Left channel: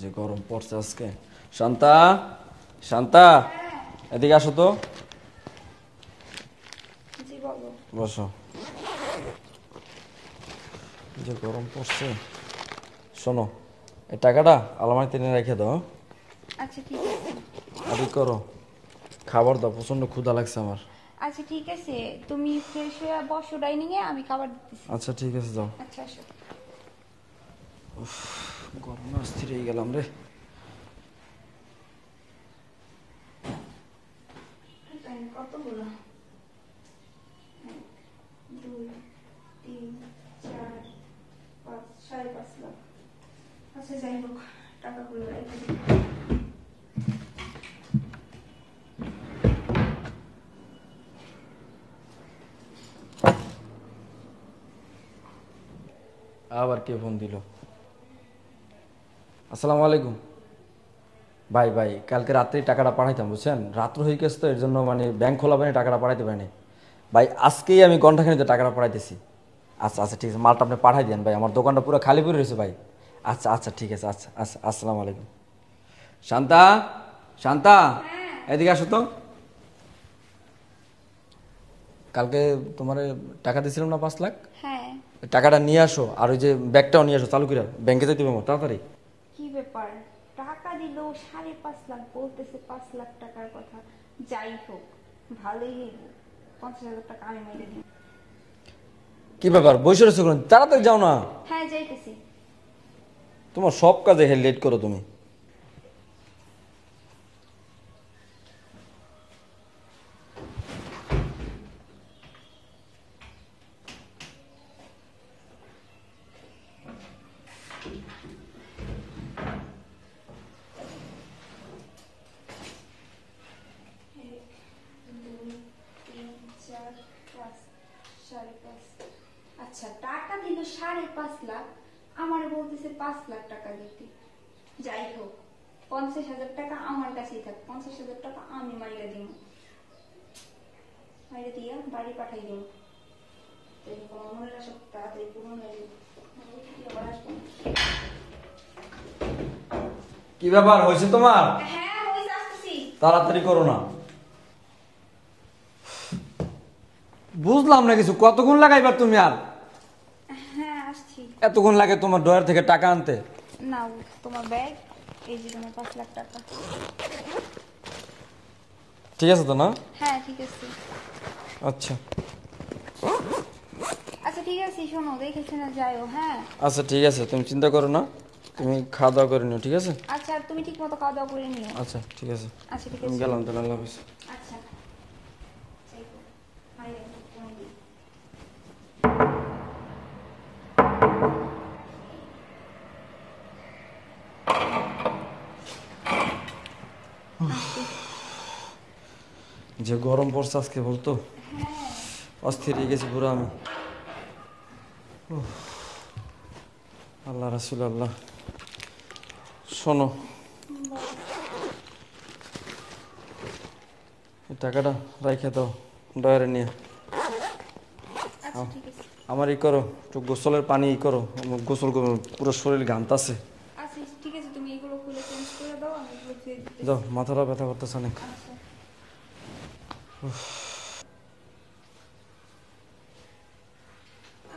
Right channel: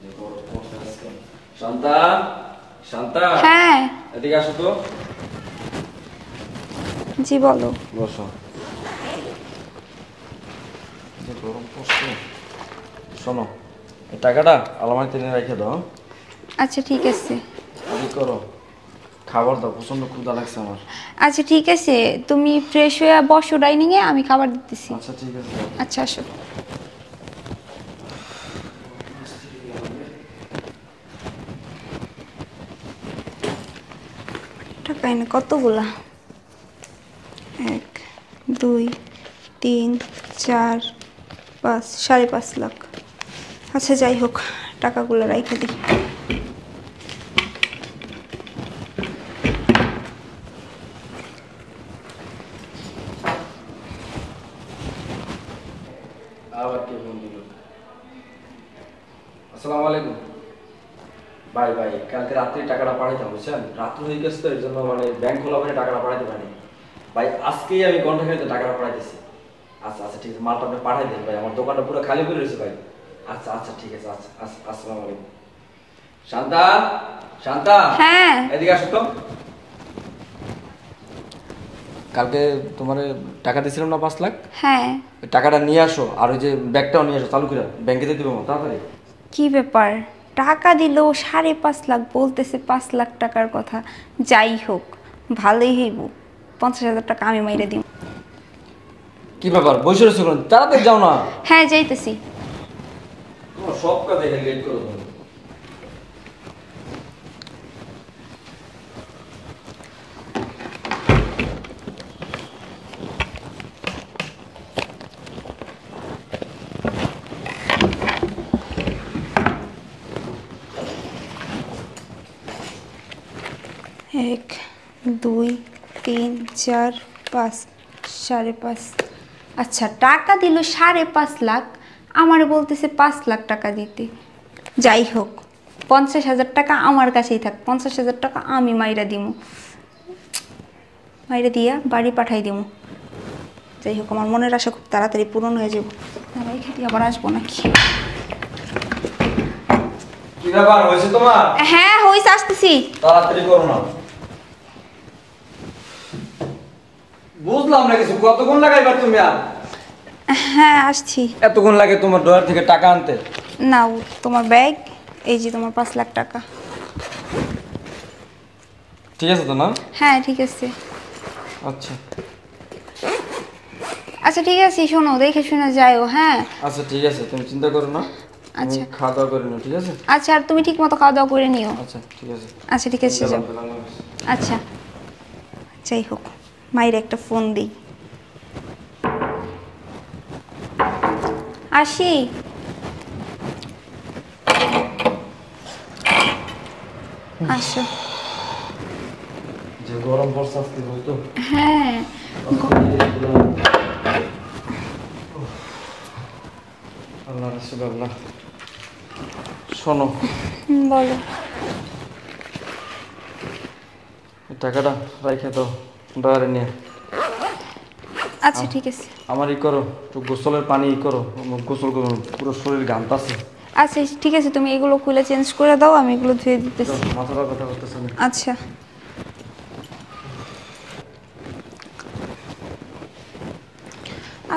যে গরম পড়ছে আজকে। শান্তা, শান্তা, হ্যাঁ এদিকে আসো তো। জি বলো। বসো। যে গরম পড়ছে, শোনো এই টাকাটা আলমারিতে নিয়ে রেখে দাও। আচ্ছা ঠিক আছে। আদি করো, খাবার দাও, প্রচন্ড ক্ষুধা লাগছে আমার। আচ্ছা ঠিক আছে, তুমি ফ্রেশ হয়ে বসো ডাইনিংয়ে, আমি খাবার দিতেছি। আচ্ছা ঠিক আছে দাও। আচ্ছা আসো। অস্থির হয়ে গেলাম রে। টাকা এনে কতগুলা? 1 2 3 4 5 5.5 লাখ। আচ্ছা যাই হোক, টাকাগুলো রাইখে দিই। আবার কি ফোন দিল? আসসালামু আলাইকুম ভাই। ভাই কালকে রাত্রে টাকাটা পাঠাইতাম, বুঝছেন? রাত্র হয়ে গেছে তো, এর জন্য মানে ব্যাংক খোলা মানে টাকাটা পাঠাইতে পারিনি ভাই। আজকেই আমি ঘন্টাখানিতে টাকাটা পাঠাইতেছি। আচ্ছা আচ্ছা ঠিক আছে, মালটা আপনি পাঠাই দেন ভাই, আমার দোকানটা পুরো খালি পড়ে রয়েছে ভাই। আচ্ছা আচ্ছা ঠিক আছে, আচ্ছা আচ্ছা আসসালামু আলাইকুম। শান্তা, শান্তা, হ্যাঁ এদিকে আসো তো। কালকে তোমার টাকা দিয়েছিলাম না 5 লাখ, হ্যাঁ। ওই টাকাটা নিয়ে আসো, আর ওই যে ব্যাগটাও নিয়ে আসো, চালু করে ব্যাংকে যেতে পারবো তাড়াতাড়ি। কি ব্যাপার, টাকা দিল 5.5 লাখ, বলতেছে 5 লাখ টাকার কথা। যাই হোক, ভালোই হইব, 50,000 টাকা আমি মাইরে দিব। কি ব্যাপার বসে রয়েছো কেন? তাড়াতাড়ি যাও না। হ্যাঁ যাইতেছি। তোমার সব কাজে লেট করো তুমি। এক 2 3 4 5 5.5। আচ্ছা টাকা দিল 5.5 লাখ, আমারে বলতেছে 5 লাখ টাকা দিতে। যাই হোক, 50,000 টাকা আমার কাছেই থাক, 50,000 টাকা আমি মাইরা দিমু, মাইরা দিয়া বাড়ি পাঠাই দিমু। যাই হোক, আমার মনের আশা খুব তাড়াতাড়ি পূরণ হয়ে যাব। ভাই খেতে আবার আসবো নাকি? কি ব্যাপার হয়েছে তোমার? হ্যাঁ হইছে, আসতেছি। তাড়াতাড়ি করো না। বুঝলাম না কিছু, কতক্ষণ লাগাইবার তুমি? আর হ্যাঁ আসছি। এতক্ষণ লাগে তোমার ডলার থেকে টাকা আনতে? নাও তোমার ব্যাগ, এই যে তোমার 5 লাখ টাকা। ঠিক আছে তো না? হ্যাঁ ঠিক আছে। আচ্ছা আচ্ছা ঠিক আছে, শোনো দেখে শুনে যাইও। হ্যাঁ আচ্ছা ঠিক আছে, তুমি চিন্তা করো না, তুমি আচ্ছা খাওয়া দাওয়া করে নিও, ঠিক আছে? আচ্ছা, আর তুমি ঠিক মতো খাওয়া দাওয়া করে নিও। আচ্ছা ঠিক আছে। আচ্ছা ঠিক আছে, যাও। আচ্ছা যাই হোক, মায়ের একটা ফোন দিই। আসি। আসো। যে গরম পড়ছে আজকে বলতো, হ্যাঁ অস্থির হয়ে গেছে পুরো। আল্লাহ রাসূল আল্লাহ। শোনো বলো। এই টাকাটা রাখে দাও বাইরে নিয়ে। আচ্ছা ঠিক আছে। আমার ই করো, একটু গোসলের পানি ই করো, গোসল করো, পুরো শরীর ঘামতাছে। আচ্ছা ঠিক আছে, তুমি এগুলো খুলে চেঞ্জ করে দাও, আমি এগুলো ধুয়ে দিতেছি। মাথাটা ব্যথা করতেছে অনেক। আচ্ছা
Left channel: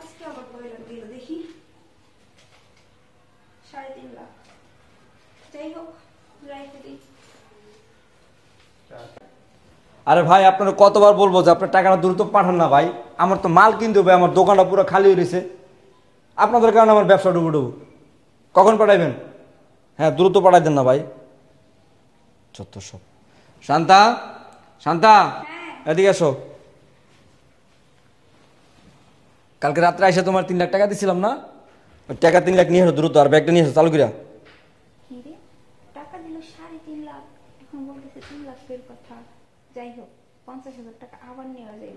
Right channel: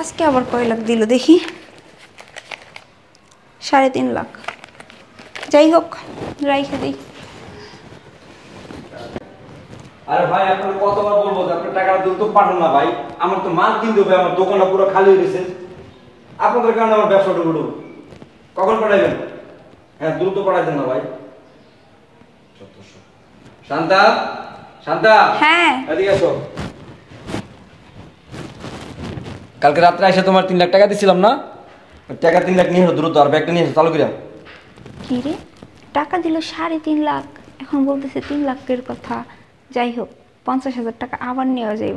আজকে আবার কয় লাখ দিল দেখি? 3.5 লাখ। যাই হোক, রাইখে দিই। আরে ভাই আপনারা কতবার বলবো যে আপনার টাকাটা দ্রুত পাঠান না ভাই, আমার তো মাল কিনতে হবে, আমার দোকানটা পুরো খালি হয়ে গেছে। আপনাদের কারণে আমার ব্যবসাটা উঠবো। কখন পাঠাইবেন? হ্যাঁ দ্রুত পাঠাই দেন না ভাই। যত সব। শান্তা, শান্তা, হ্যাঁ এদিকে এসো। কালকে রাত্রে এসে তোমার 3 লাখ টাকা দিছিলাম না, ওই টাকা 3 লাখ নিয়ে এসো দ্রুত, আর ব্যাগটা নিয়ে এসো চালু করে। কি রে, টাকা দিল 3.5 লাখ, এখন বলতেছে 3 লাখের কথা। যাই হোক, 50,000 টাকা আবার নেওয়া যাইব।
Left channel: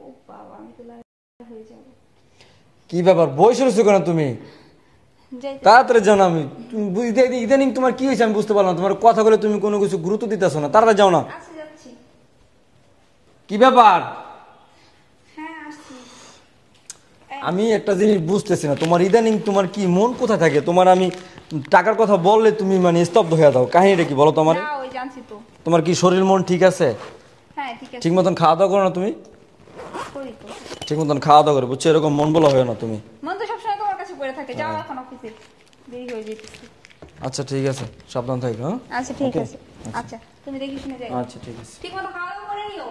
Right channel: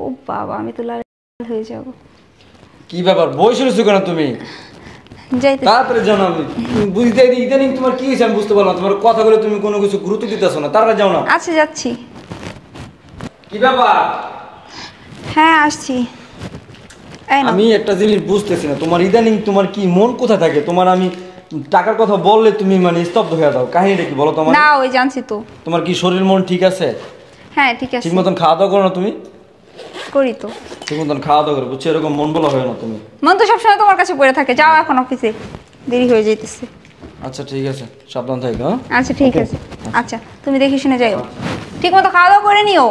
ও বাবা, আমি তো লাল হয়ে যাব। কি ব্যাপার বসে রয়েছো কেন তুমি? যাইতে তাড়াতাড়ি জানো, আমি বুঝতে ইদানিং তোমার কি হয়েছে আমি বুঝতে পারলাম, তোমার কথা বলে তুমি কোনো কিছু গুরুত্ব দিতেছো না, তাড়াতাড়ি যাও না। আচ্ছা যাচ্ছি। কি ব্যাপার? হ্যাঁ আসছি। এই নাও। আমি একটা জিনিস বুঝতেছি না, তোমার ইদানিং তোমার কি মন কোথায় থাকে? তোমার আমি টাকার কথা বললে তুমি মানে স্তব্ধ হয়ে যাও, কাহিনীটা কি বলো তোমার? না ওই জানছি তো। তোমার কি শরীর মন ঠিক আছে? হ্যাঁ ঠিক আছে। ঠিক মতন খাওয়া দাওয়া করো না তুমি? করি তো। ঠিক মতন খাওয়া দাওয়া করো, বুঝছো? এরকম মন বলা হয় না তুমি। মন তো সবসময় তোমার কাছে পড়ে থাকে। যাও এখন অফিসে, দেরি হয়ে যাইতেছে। আচ্ছা ঠিক আছে, সাবধান থেকো। হ্যাঁ আচ্ছা ঠিক আছে। আচ্ছা তুমি দেখে শুনে যাও, ঠিক মতো খাওয়া দাওয়া করে নিও।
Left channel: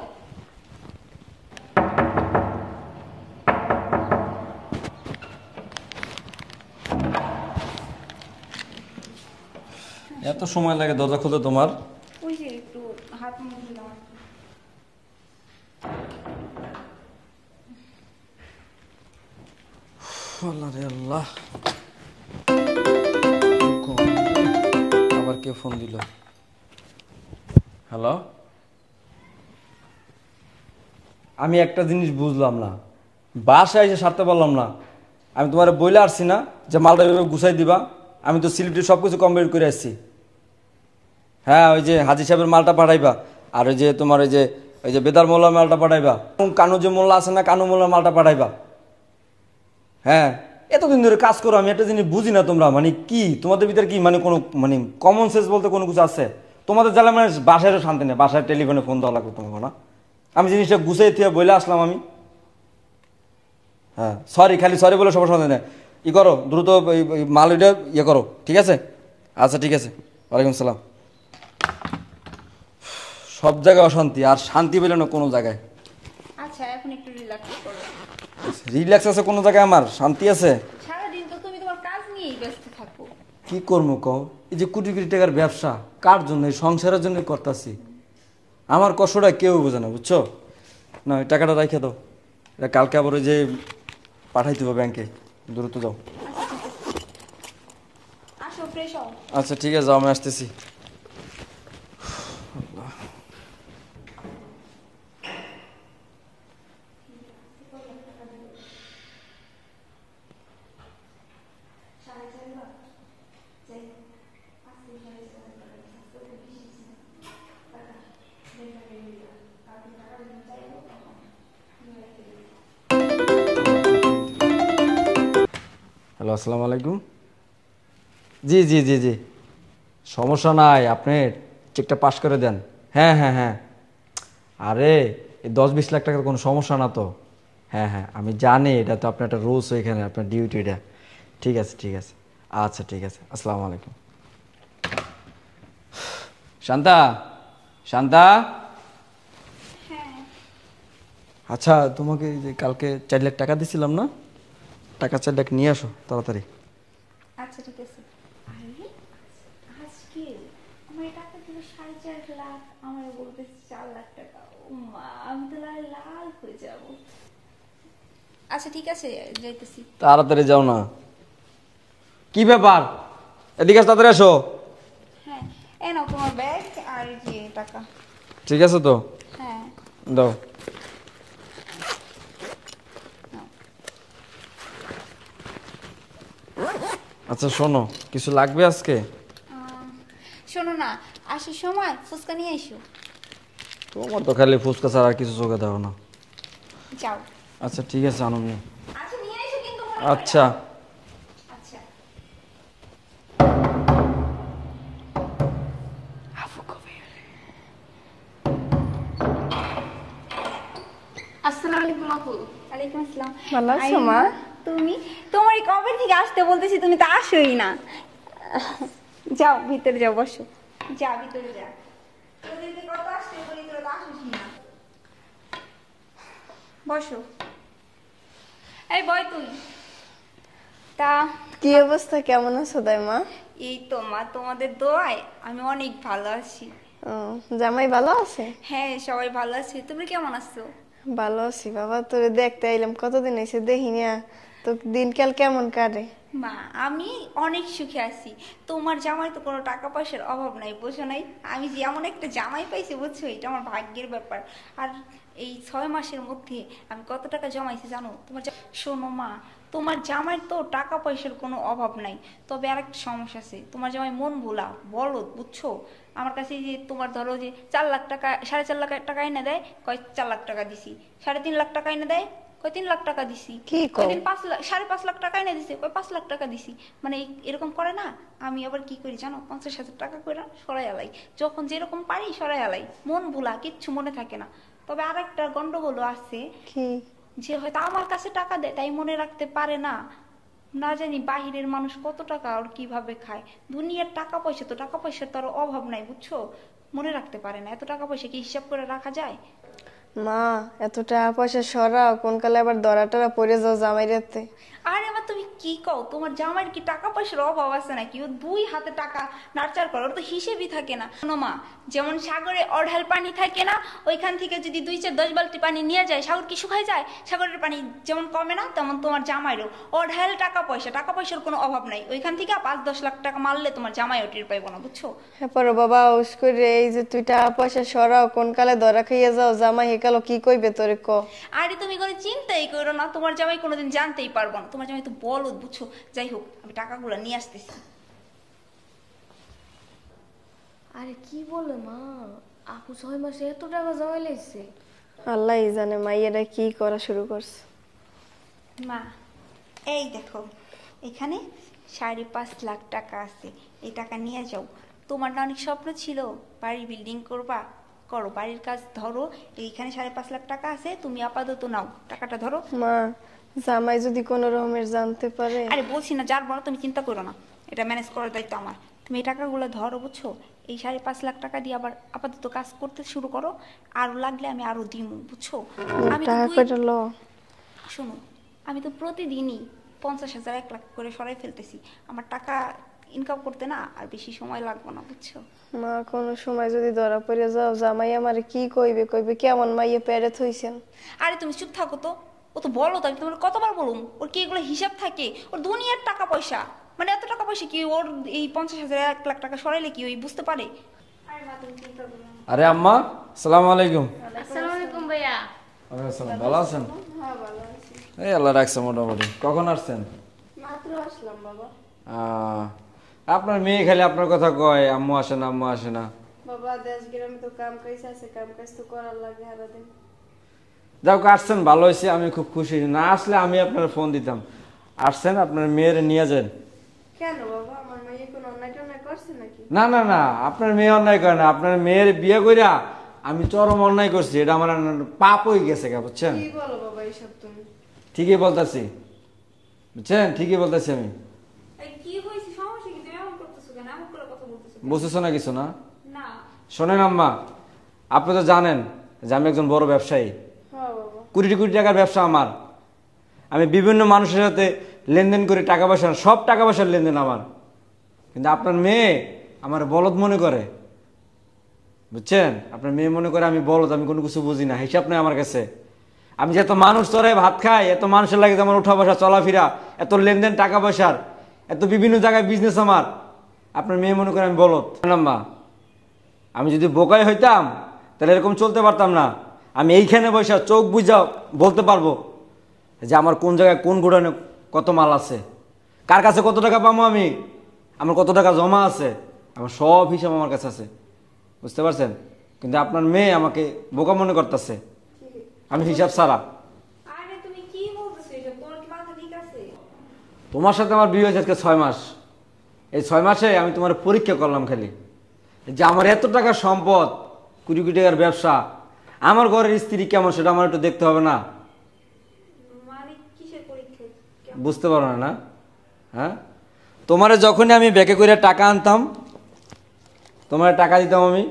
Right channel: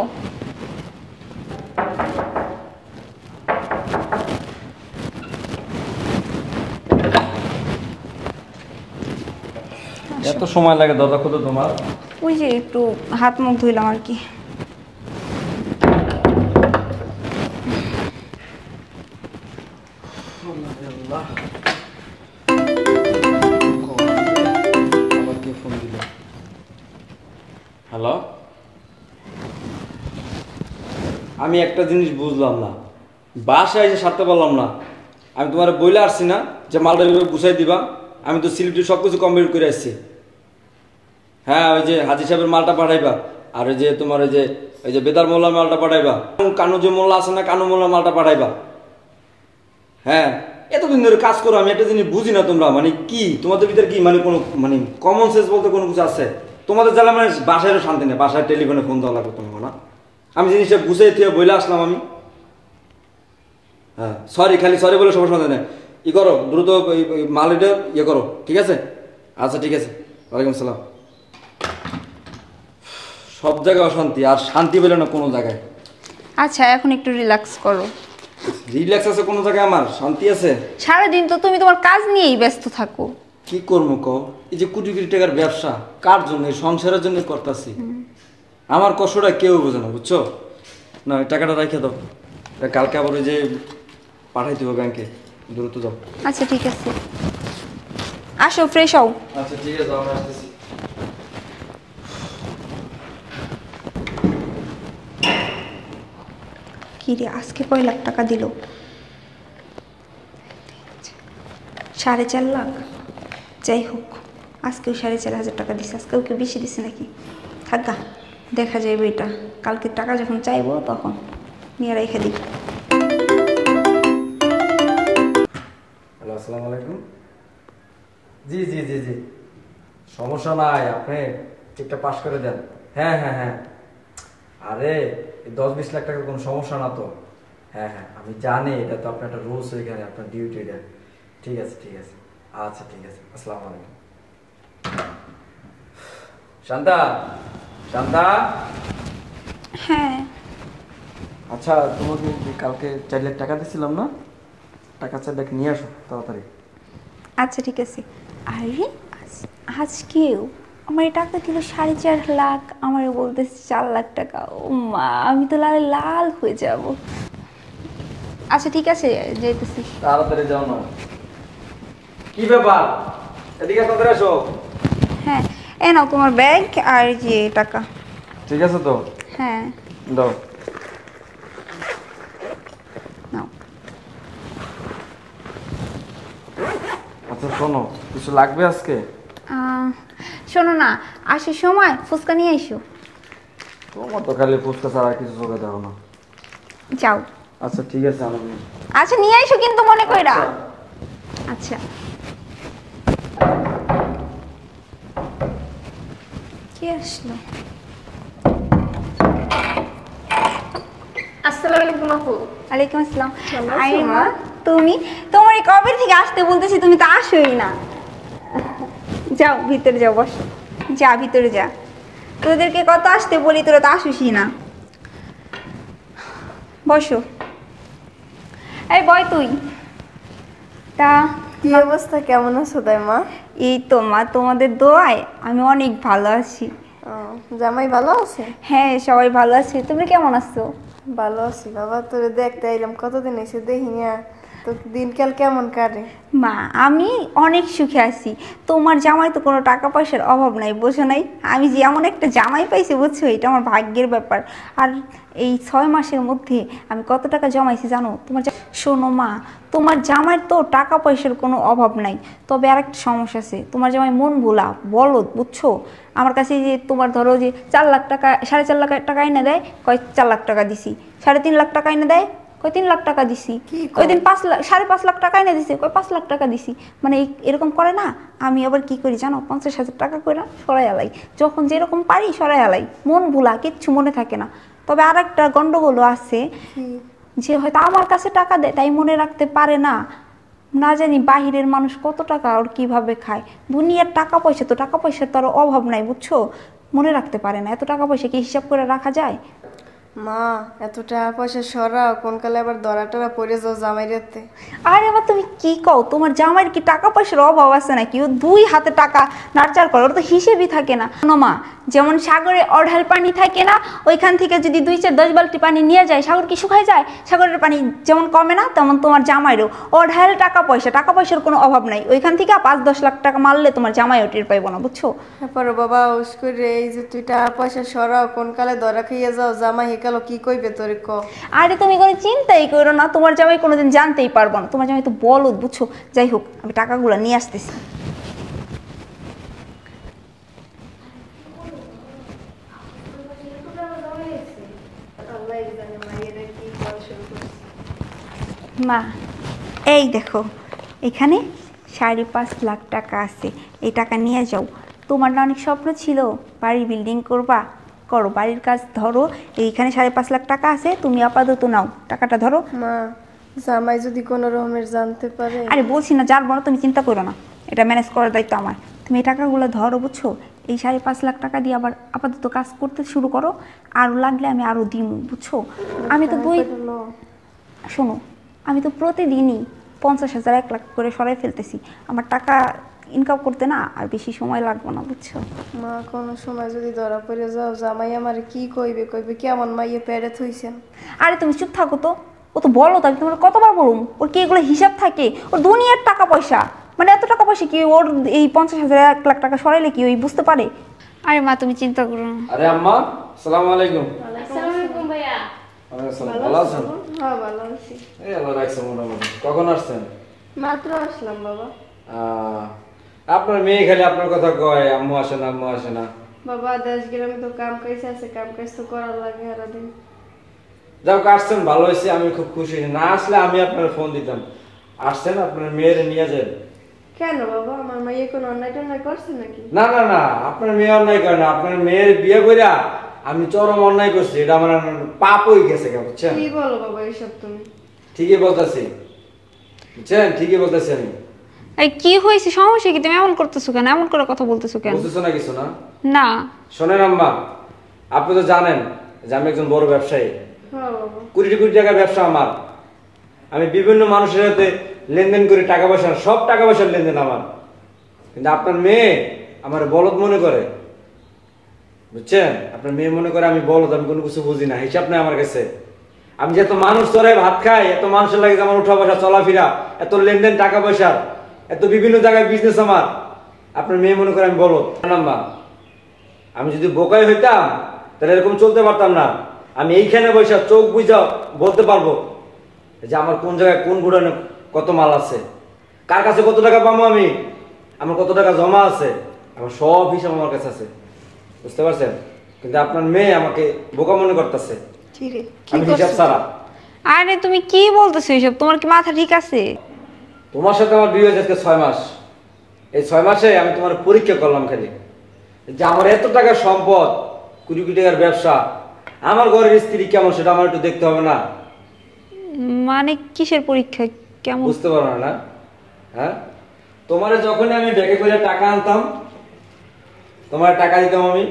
এত সময় লাগে দরজা খুলতে তোমার? ওই যে একটু হাত মুখ ধুইলাম আর কি। হ্যালো, আমি একটা জিনিস বুঝলাম না, বাসায় এসে সারতে পারলাম না। আমি তোমার বইলে আসছি না যে মালটা গুছাই দিবা? আমি তো সিলিটি সব কিছু কমপ্লিট করে আসছি। হ্যাঁ, ওই যে হাজি সাহেবের মালটা পাঠাইবা, আর ওই যে তোমার ওই যে বেতার মোল্লার মালটা পাঠাইবা, কানু যে মোল্লা আছে না, কানু মোল্লার মালটা পাঠাইবা। হ্যাঁ, এতদিন ধরে কাজ করো, আমি একটা জিনিস বুঝি না, তোমরা মানে কি, তোমাদের ভিতরে কি মানে কোনো মানে কমন সেন্স বলতে কোনো কিছু আছে? তোমাদের জ্বালা মানে বাসায় শান্তি নেই, বাসায় টেলিফোনে ফোন দেওয়া লাগবে তোমাকে না? আমি জিনিসটা গুছাই তুই বইলে আসলাম আমি। হ্যাঁ সরি, খালি সরি বলে সবার সঙ্গে নেয় ই করো, দ্রুত মালটা ইয়ে করো, ঠিক আছে? আচ্ছা ঠিক আছে, ওয়ালাইকুম সালাম। সব জায়গায় অশান্তি, আর শান্তি পেলে না কোনো জায়গায়। আচ্ছা এখন একটু রিল্যাক্স করো। রিল্যাক্স আছে কোনো জায়গায়? আমার শান্তি আছে? সারাদিন তো তুমি তোমার কাজ নিয়েই ব্যস্ত থাকো। কি করবো কও? এই যে কোটি কোটি টাকার ব্যবসা, কার জন্য? সংসারের জন্য করতেছি। আমার কষ্টটা কেউ বোঝে না, বুঝছো না? ওই টাকাটা রেখে দাও, কালকে আবার ওই যে পাঠাইতে হবে ব্যাংকে, দ্রুত যাও। আচ্ছা ঠিক আছে, আসো ফ্রেশ হও। আচ্ছা ঠিক আছে, আমি আসতেছি। কি রে, আজকে কয় লাখ টাকা দিল? 4.5 লাখ। যাই হোক, আজকেও 4.5 হাজার টাকা দিছে। আজকেও কেউ বেশি দিছে নাকি? থাকা দেখা যাবে এটা, কালকে টাকা যখন চাইবো তখন নিয়ে রেখে দিই। হ্যালো, আসসালামু আলাইকুম। জি জি জি জি, সমস্যা নাই, আপনি চেকটা পাস করে দেন। হ্যাঁ হ্যাঁ হ্যাঁ, আরে এই 10-20 লাখ টাকার কোনো সমস্যা না তো। হ্যাঁ হ্যাঁ, আমি জানি এটা তো আপনার একটা রুলস, ওইখানে আপনার ডিউটি এটা। ঠিক আছে ঠিক আছে, আচ্ছা ঠিক আছে, আসসালামু আলাইকুম। শান্তা, শান্তা। হ্যাঁ আচ্ছা, তোমাকে যে কালকে 4 লাখ টাকা দিয়েছিলাম না, টাকা 4 লাখ নিয়ে আসো তাড়াতাড়ি। আচ্ছা ঠিক আছে। আরে আজকেও আমার এই টাকা দিল 4.5 লাখ, আমার বলতেছে 4 লাখ টাকা। ও মা, আমি তো লাল লাল হয়ে যাব। আচ্ছা ঠিক আছে, যেতেছি। তাড়াতাড়ি যাও না। কি ব্যাপার, এদিকে তাড়াতাড়ি আসো। হ্যাঁ এ নাও তোমার ব্যাগ আর যে টাকা। ঠিক আছে তো? হ্যাঁ দাও। নাও। আচ্ছা শোনো, কিছু লাগবে আজকে? শোনো না, আসার সময় ফুচকা নিয়ে এসো। তোমার তো খালি ফুচকা ছাড়া আর কিছু চোখে দাও না। যাও। আচ্ছা ঠিক আছে, আনো। আচ্ছা নিয়ে এসো কিন্তু মনে কইরা। আচ্ছা আচ্ছা। কে আসলো? আসসালামু আলাইকুম আপু। ওয়ালাইকুম আসসালাম। ভালো আছো, আরে মা? মা, তুমি তোমার এই কবে থেকে আসতে বলতেছি, তুমি তো আসোই না। যাও ভিতরে যাও, বসো। যা ভিতরে যা, তোদেরকে কত আসতে বলি, তোরা তো আসিসই না। বসো। এই বয় তুই। তা কি অবস্থা, কেমন আছো মা? এই তো মা, তোমাদের দোয়ায় আমি অনেক ভালো আছি। জামাই ভালো আছে? হ্যাঁ সবাই ভালো আছে, তুমি কেমন আছো? ভালো আছি বাবা, তোরে দেখতে আইলাম, কতদিন এসে দেখি না, তো দিনকাল কেমন কাটে? মা আমি অনেক সুখে আছি। তোমার জামাই তো কোনো টাকা পয়সার অভাব নাই, বোঝো নাই? আমি যে এমন একটা জামাই পাইছি, বুঝছো, এটা আমার ভাগ্যের ব্যাপার। আর এই 6 মাসের মধ্যে আমি কত টাকা জমাইছি জানো? শোনো মা, তোমার জামাইয়ের তো টাকা পয়সার কোনো অভাব নাই, তবে আরেকটা সমস্যা আছে। তোমার জামাই মন ভোলা বলদ, বুঝছো? আমার কাছে যে তোমার ধরো যে 4 লাখ টাকা, 4.5 লাখ টাকা এনে দেয়, কয় 4 লাখ টাকা দিছি, 3.5 লাখ টাকা এনে দেয়, কই 3 লাখ টাকা দিছি। কি কও? ওই দিন 5 লাখ টাকা এনে দিছে, কই 5 লাখ টাকা দিছি। মানে এরকম করে না। আমি আবার কি করি জানো, 50,000 টাকা করে সরাই আলাই, যখন যেরকম পারি সরাই আলাই, মন ভোলা, কিচ্ছু মনে থাকে না। তবে আর একটা গন্ডগোল আছে, যে হয়তো আমার কাছে টাকা দেয় তাই মনে রাখতে পারে না, না জানি বাহিরের মানুষ কত টাকা আর কিভাবে খায়। দুনিয়ার টাকা পয়সা তো, টাকা পয়সার তো আর অভাব নাই বুঝছো, মনে রাখতে পারে না। এত টাকা পয়সা কি হিসাব করে রাখা যায়? মা এত টাকা পয়সা সরাও, কোন কালে আবার দরা টরা পড়ে যাও জামাই রাতে। আরে এবার তুমি কি কও, তোমার জামাইয়ের কি টাকা পয়সার অভাব আছে নাকি? ও 2 হাতে টাকা নাড়চাড় করে, ওর তো হিসেবই থাকে না। শোনো মা, যেমন সাগরে অঢাল পানি থাকে না, ওইখান থেকে যদি 2-4-10 বালতি পানি নিয়ে যায়, সাগর কি শুকায় যায়? সাগরের পানি যেমন কমে না, তেমন তোমার জামাইরও অঢাল টাকা পয়সার কোনো অভাব নাই। ওইখান থেকে 5-10 লাখ টাকা মারলে তোমার জামাইও টের পাইবো না বুঝছো। এরপর বাবা ওস করে এই যে তুই টাকা পয়সা সরাও, কোন কালে ধরা খাইয়া যাও জামাই হেকালো কি কইবে তোরে ক। আরে তুমি কোনো চিন্তাই করো না, তোমার জামাই কোনোদিন জানতেই পারবো না। তোমার জামাই তো বলদ বুঝছো। যাই হোক, আমি টাকাগুলো নিয়ে আসতেছি। আল্লাহই জানে মাইয়ারা কি করা শুরু করছে। মা এই দেখো, এখানে 5.5 লাখ টাকা আছে, এই টাকা নিয়ে যাও। তোমার না অনেক স্বপ্ন ছিল বাড়ি বিল্ডিং করবা, করো, বাড়ির কাজ ধরো। এইখানে 5.5 লাখ টাকা আছে, তুমি আপাতত নাও, টাকাটা ধরো। মা জামাই যদি কোনো রকমের জানতে পারে। আরে বলছি না যার বড়, তুমি চিন্তা করো না, এটা ম্যানেজ করার দায়িত্ব আমার। তুমি এই টাকাগুলো ধরো বুঝছো। এই 5.5 লাখ টাকা দিয়ে আবার আপাতত কাজ করতে শুরু করো, আরও লাগলে আমি আরও দিব বুঝছো। আমি তো শোনো, আমি তো প্রতিদিনই 50,000 1 লাখ করে সরাই ফেলতেছি। আমার টাকা ইনকাম করতে না আর বেশি সময় লাগবে না বুঝছো। মা কোনো সময় যদি ধরা পড়ে যাও জামাই আমার কি কইবে, কইবে কেমন মাইয়ে পেরে থইছেন। আরে তুমি চুপ থাকো তো, ও তো বলো, তাই তোমার কতবার বলুম, ওর কি এগুলো হিসাব থাকে? ওর দুনিয়ার টাকা পয়সা, মানে এত টাকা পয়সা কি ওর এই 50,000 1 লাখ টাকা সরাইলে কি ওই বুঝতে পারে? আরে মা তুমি চিন্তা করো না। আরে আম্মা, আসসালামু আলাইকুম। আসসালামু আলাইকুম ভাইয়া। ভালো আছেন? হ্যাঁ ভালো আছি। এই আল্লাহ রাখছে মোটামুটি। কখন আসছেন? মাত্র আসলাম বাবা। আপনার মেয়ে খালি আপনার কথা কয়, আম্মু আসে না, আম্মু আসে না। বাবা দেশ গ্রামে তো কাম কাজ আছে, কাম কাজ তো করার লাগে সারাদিন। যাও আসছেন, ভালো হয়েছে, আমি খুব খুশি। না আসলে আমি আপনার ফোন দিতাম। আসছেন, আপনার মেয়ের নিয়ে যান। কেন বাবা, আমার মাইয়ে কোনো অন্যায় টন্যায় করছে নাকি? না না না, আপনার মেয়ে অন্যায় করে না। আপনার মেয়ের বিয়ে কইরা আমি চরম অন্যায় করছি, এটা আমার পাপ হয়ে গেছে, বুঝছেন? কি বলো বাবা এসব তুমি? ঠিকই বলতেছি, বুঝছেন, ঠিকই বলতেছি আমি। এই কি হয়েছে, সমস্যা কি? তুমি এমন করতেছো কেন, এমন করে কথা বলতেছো কেন? বুঝতেছো না কিছু? না না শোনেন আম্মা, আপনি তো জানেন যে আমি একজন বড় ব্যবসায়ী। হ্যাঁ বাবা। কোটি কোটি টাকার ব্যবসা আমার। আমি বিভিন্ন মানুষের সাথে লেনদেন করি, টাকা পয়সা, সব টাকা পয়সার লেনদেন আমার। কিন্তু আপনার মেয়ে আমার বলদ মনে করে, বুঝছেন? আপনার মেয়ে মনে করে আমি বলদ, আমি কোনো কিছু বুঝি না, হিসাব নেই আমার কাছে। আমি যে এত মানুষ চড়াই ভাত খাই, এত মানুষের লাগে আমার উঠা বসা চলাফেরা, এত লেনদেন টাকা পয়সার, এত বিভিন্ন জায়গায় বিজনেস আমার। আপনার মেয়ে মনে করে আমি বলদ। আম্মা, আমি যদি বোকাই হইতাম তাহলে এরকম চলতে পারতাম না। আমি এইখানে বসে চোখ বুঝা বলতে পারবো যে আমার কোন জায়গায় কোন গোডাউনে কত মাল আছে, কার কাছে কত টাকা পাবো, আমি আমার কত টাকা জমা আছে, আমার সব হিসাব আমার কাছে আছে, বুঝতে পারছেন? কিন্তু আপনার মেয়ে আমাকে বোকা মনে করতেছে, আমি হিসাব ছাড়া। আরে তুমি কি বলতেছো এইসব? তোমার কি মাথা ঠিক আছে? তোমার সাথে আমার বিয়ে হয়েছে 6 মাস। এই 6 মাসে আমি তোমার পরীক্ষা করলাম খালি, যে আমার এত টাকা সম্পদ, কোটি কোটি টাকার ব্যবসা, আমার ঘরের স্ত্রী কেমন সেটা আমার একটু দেখতে হবে না? মানে কিসের পরীক্ষা? কেমন বুঝতে পারো না? হ্যাঁ, তোমারে যখনই আমি ব্যাকে করে টাকা আনতাম, তোমার টাকা দিতাম আমি,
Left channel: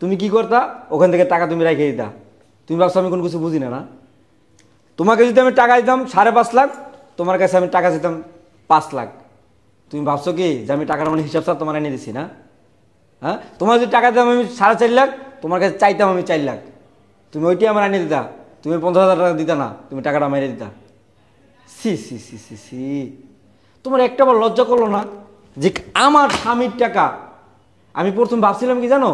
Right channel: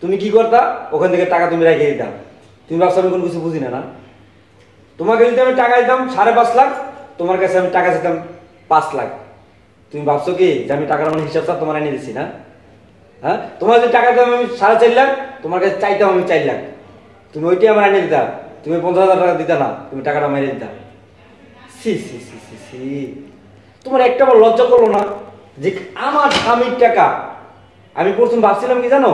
তুমি কি করতা? ওখান থেকে টাকা তুমি রেখে দিতা। তুমি ভাবছো আমি কোনো কিছু বুঝি না? না, তোমাকে যদি আমি টাকা দিতাম 5.5 লাখ, তোমার কাছে আমি টাকা দিতাম 5 লাখ। তুমি ভাবছো কি যে আমি টাকার অনেক হিসাব স্যার তোমার এনে দিছি? না, হ্যাঁ, তোমার যদি টাকা দিতাম আমি 4.5 লাখ, তোমার কাছে চাইতাম আমি 4 লাখ, তুমি ওইটি আমার এনে দিতা। তুমি 50,000 টাকা দিতা না, তুমি টাকাটা মেরে দিতা। সি সি সি সি সি, তোমার একটা বার লজ্জা করলো না যে আমার স্বামীর টাকা? আমি প্রথম ভাবছিলাম কি জানো,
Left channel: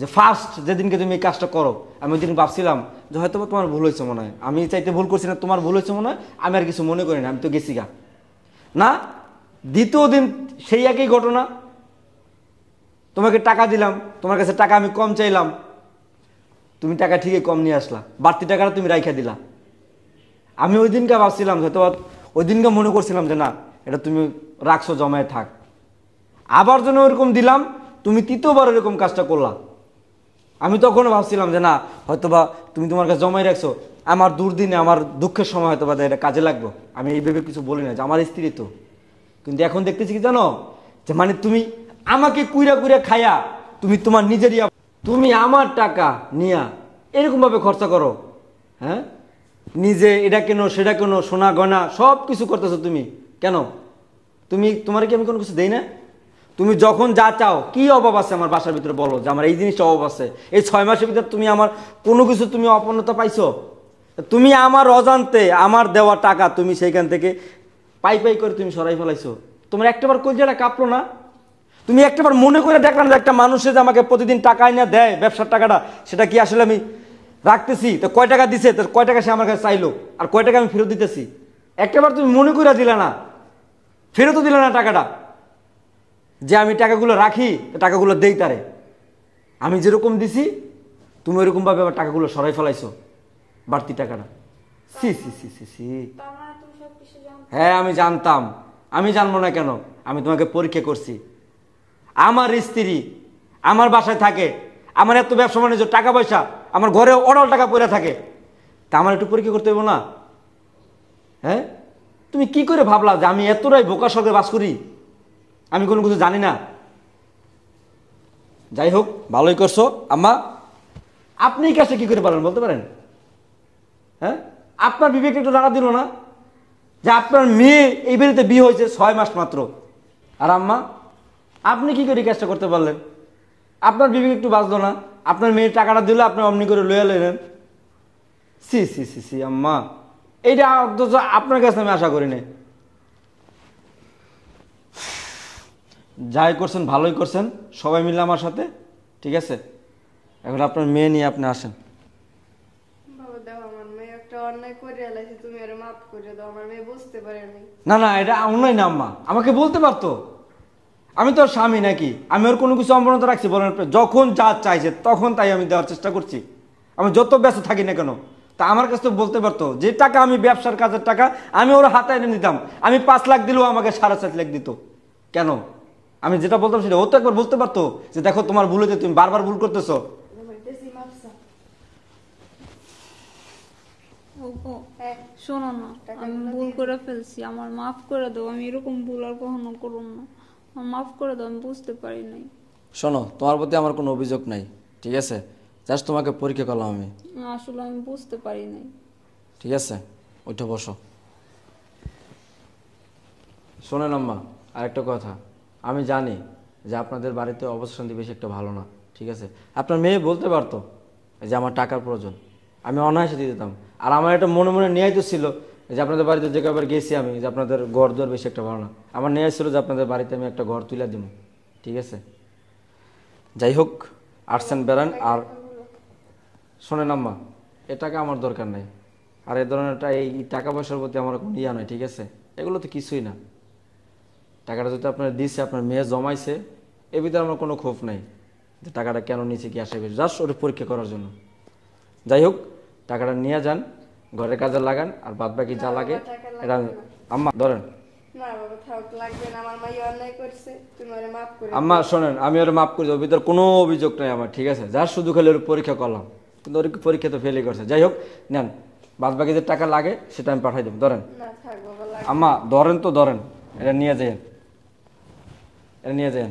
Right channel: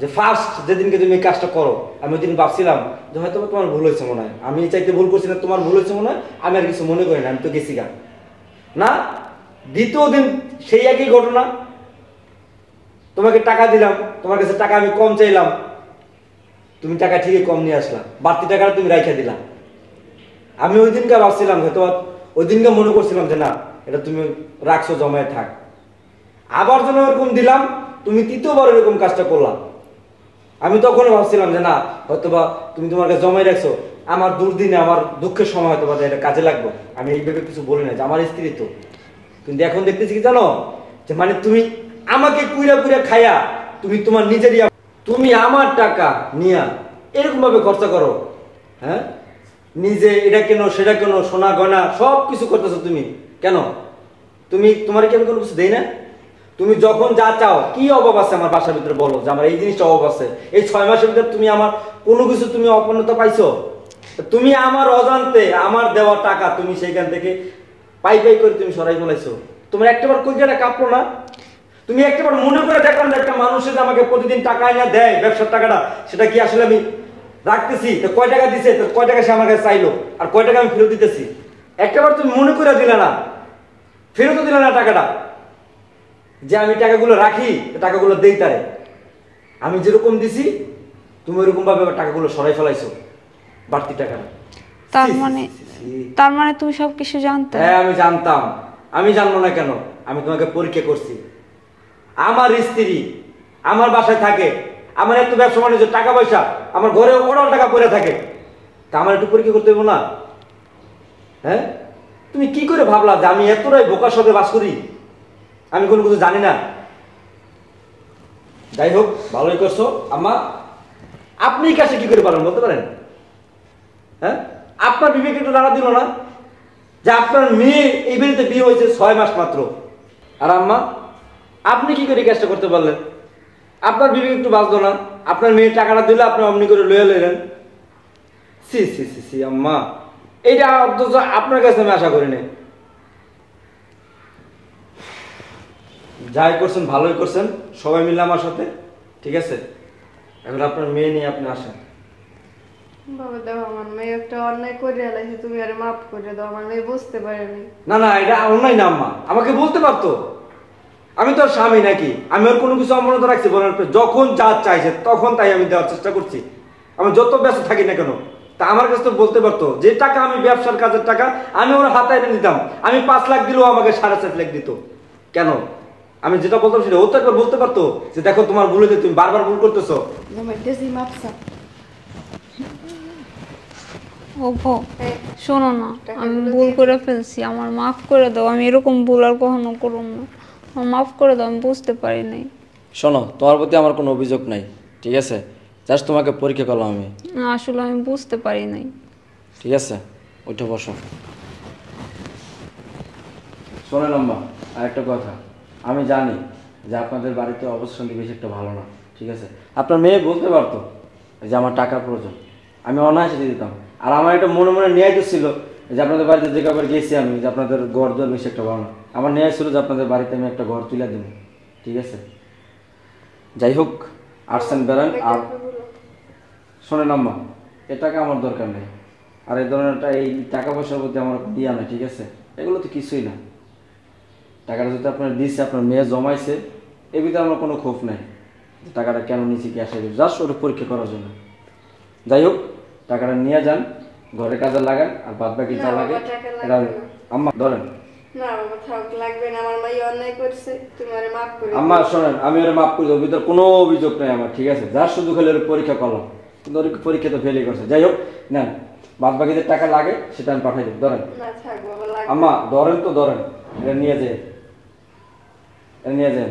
যে ফার্স্ট যেদিনকে তুমি এই কাজটা করো, আমি ওই দিন ভাবছিলাম যে হয়তো তোমার ভুল হয়েছে মনে হয়, আমি চাইতে ভুল করছি না, তোমার ভুল হয়েছে মনে হয়, আমি আর কিছু মনে করি না, আমি তো গেছি গা। না, দ্বিতীয় দিন সেই একই ঘটনা, তোমাকে টাকা দিলাম, তোমার কাছে টাকা আমি কম চাইলাম, তুমি টাকা ঠিকই কম নিয়ে আসলা, বাড়তি টাকাটা তুমি রাইখা দিলা। আমি ওই দিনকে ভাবছিলাম যে তোমার ওই দিনকে মনে করছিলাম যে না এটা তুমি রাখছো জমায়ে থাক, আবার যেন এরকম দিলাম তুমি তৃতীয়বার এরকম কাজটা করলাম। আমি তখনও ভাবছিলাম যে না হয়তোবা তুমি তোমার কাছে জমাই রাখছো, আমার দুর্দিনে আমার দুঃখের সময় হয়তো বা এটা কাজে লাগবে, আমি এই ভেবে কিছু বলি না যে আমার স্ত্রী তো। কিন্তু এখন দেখতেছি কি জানো, যে মানে তুমি আমাকে কুইরা কুইরা খায়া তুমি তোমার নিজেরই তুমি আমার টাকা নিয়া এরকম ভাবে খরচা করো। হ্যাঁ, নিজে এটা কেন সেটা কেন, সোনা গয়না সব কিছু করতেছো তুমি কেন? তুমি তোমার কি আমি কোনো কিছু দেই না? তুমি যখন যা চাও, কি অভাব আছে আমার বাসার ভিতরে বলো যে আমার এই জিনিসটা অভাব আছে। এই 6 মাসের ভিতরে তুমি আমার কোনো কিছু তুমি অপূর্ণতা পাইছো? তুমি আমার অজান্তে আমার দেওয়া টাকা তুমি সেইখান থেকে পাই পাই করে তুমি সরাই ফেলাইছো। তোমার একটাবার কলজাটা কাঁপলো না? তুমি একটাবার মনে করে দেখলাম যে একটা মানুষের যে আমাকে প্রতিদিন টাকা এনে দেয় ব্যবসার টাকাটা, সেটা কি আসলে আমি রাখতেছি? তো কয় টাকা দিছে, তো কয় টাকা সে আমার কাছে চাইলো, আর কয় টাকা আমি ফেরত দিতেছি? একটাবার তুমি মনে করে দিলে না, ফেরতও দিলে না টাকাটা, যে আমি টাকাগুলো রাখি, টাকাগুলো দেই তারে। আমি যেরকম দিছি তুমি ওইরকম ভাবে আমার টাকাগুলো সরাই ফেলাইছো, বাড়তি টাকাটা। তার মানে তুমি সবকিছু জানতে? হ্যাঁ আমি জানতাম। আমি জানবো না কেন? আমি তোমাকে পরীক্ষা করছি। আমার স্ত্রী আমার বাসায় থাকে, আমার এত ব্যবসা বাণিজ্য টাকা পয়সা আমার ঘরে অডাল টাকা পড়ে থাকে, তা আমার একটু পরীক্ষা করতে হবে না? হ্যাঁ, তুমি কি করে ভাবলা যে আমি এতটাই বোকার সাথে বাস করি, আমি কোনো কিছু জানি না? যাই হোক, ভালোই করছো আম্মা। আপনি কাছে কি করে পারেন বলতে পারেন? হ্যাঁ, আপনার বিবেক একটু নাড়া দিল না যে আপনার মেয়ে এই বাড়িতে বিয়ে হয়েছে 6 মাস মাত্র, আর আম্মা আপনি কি করে কাজটা করতে পারলেন? আপনার বিবেক একটু বাঁচলো না? আপনার মেয়ে টাকাটা দিলে আপনি অমনি করে লয়ে নিলেন। সি সি সি সি আম্মা, এইটা অথচ আপনার কাছে আমি আশা করি নাই। যাই করছেন ভালোই করছেন, সবাই মিলে আমার সাথে, ঠিক আছে? এখন আপনার মেয়ে নিয়ে আপনি আসেন। বাবা দেখো, আমার মেয়ে একটা অন্যায় করে এলাইছে, তুমি আরে মাফ করে দাও, আমার মেয়ে বুঝতে পারেনি। না না, এটা অন্যায় না আম্মা, আমাকে বলতে পারতো। আমি তো স্বামী নাকি? আমি ওর কোনো কিছু অমনতা রাখছি বলার পর? যখন যা চাইছে তখন তাই আমি দেওয়ার চেষ্টা করছি। আমি যত ব্যস্ত থাকি না কেন, তা আমার কাছে বলতে পারতো যে টাকা আমি ব্যবসার কাজের টাকা আমি ওর হাতে এনে দিতাম। আমি 5 লাখ দিলেও আমাকে 4.5 লাখ দিত। কেন? আমি যেটা বলতাম সেটা ও তো একবার বলতে পারতো যে দেখো তোমার ভুল হয়েছে, তুমি বারবার ভুল করতেছো। ওপো শোনো না, আমি ভুল করে ফেলছি, আমার মাফ করে দাও। আমি এরকম ভুল আর কখনো করব না, আমার মাফ করে দাও, আমি বুঝতে পারি নাই। শোনো, তোমার প্রতি আমার কোনো অভিযোগ নাই, ঠিক আছে? জাস্ট তোমাকে পরীক্ষা করলাম আমি। না, আসলে আমি বুঝতে পারি নাই। ঠিক আছে, উঠে বসো। শোনেন আম্মা, আর একটা কথা, আমি জানি যে আপনাদের বাড়িতে অবস্থা বেশি একটা ভালো না, ঠিক আছে? আপনার মেয়ে বলতে পারতো যে আমার টাকার প্রয়োজন, আমি অনায়াসে দিয়ে দিতাম। আর আমার একটা মনে মনে নিয়ে ছিল যে আপনাদের বাড়িতে যে কাউকে গেছি আমি, যে আপনাদের ঘর দর বেশি একটা ভালো না, আমার নিয়ে ছিল যে আপনাদের বাড়িতে আমি একটা ঘর তুলে দেবো, ঠিক আছে? যাই হোক, আসছেন বেড়ান। আর শোনেন আম্মা, এ টাকা আমার দরকার নেই, আর এই ধরনের এই টাকা পয়সার প্রতি আমার কোনো ইয়া নেই, ঠিক আছে? এগুলো তো কিছুই না। টাকাটা যদি আপনার দিচ্ছে, আপনার মেয়ে জমাইছে, এর ভিতরে আমার কোনো ক্ষোভ নাই যে টাকাটা কেন নিচ্ছে কি আসে, জাস্ট ওর পরীক্ষা করার জন্য। যাই হোক, টাকাটা নিয়ে যান, ঘরের কাজে লাগান, আর বাদ বাকি যা লাগে এটা আম্মা ধরেন। আম্মা শোনেন, আমি ওরা মাফ করে দেবো, ভিতরে কোনো অভিযোগ নাই আমার, ঠিক আছে? যা শুধু খালি ওর পরীক্ষা করলাম, কিন্তু ওর পরীক্ষা তো ফেলই করছে। যাই হোক, নেন, বাদ বাকি যে টাকা লাগে সেটা আমি পাঠাই দেব, ধরেন। আম্মা ধরেন তো, ধরেন, এটা নিয়ে যেন, এটা নিয়ে যেন।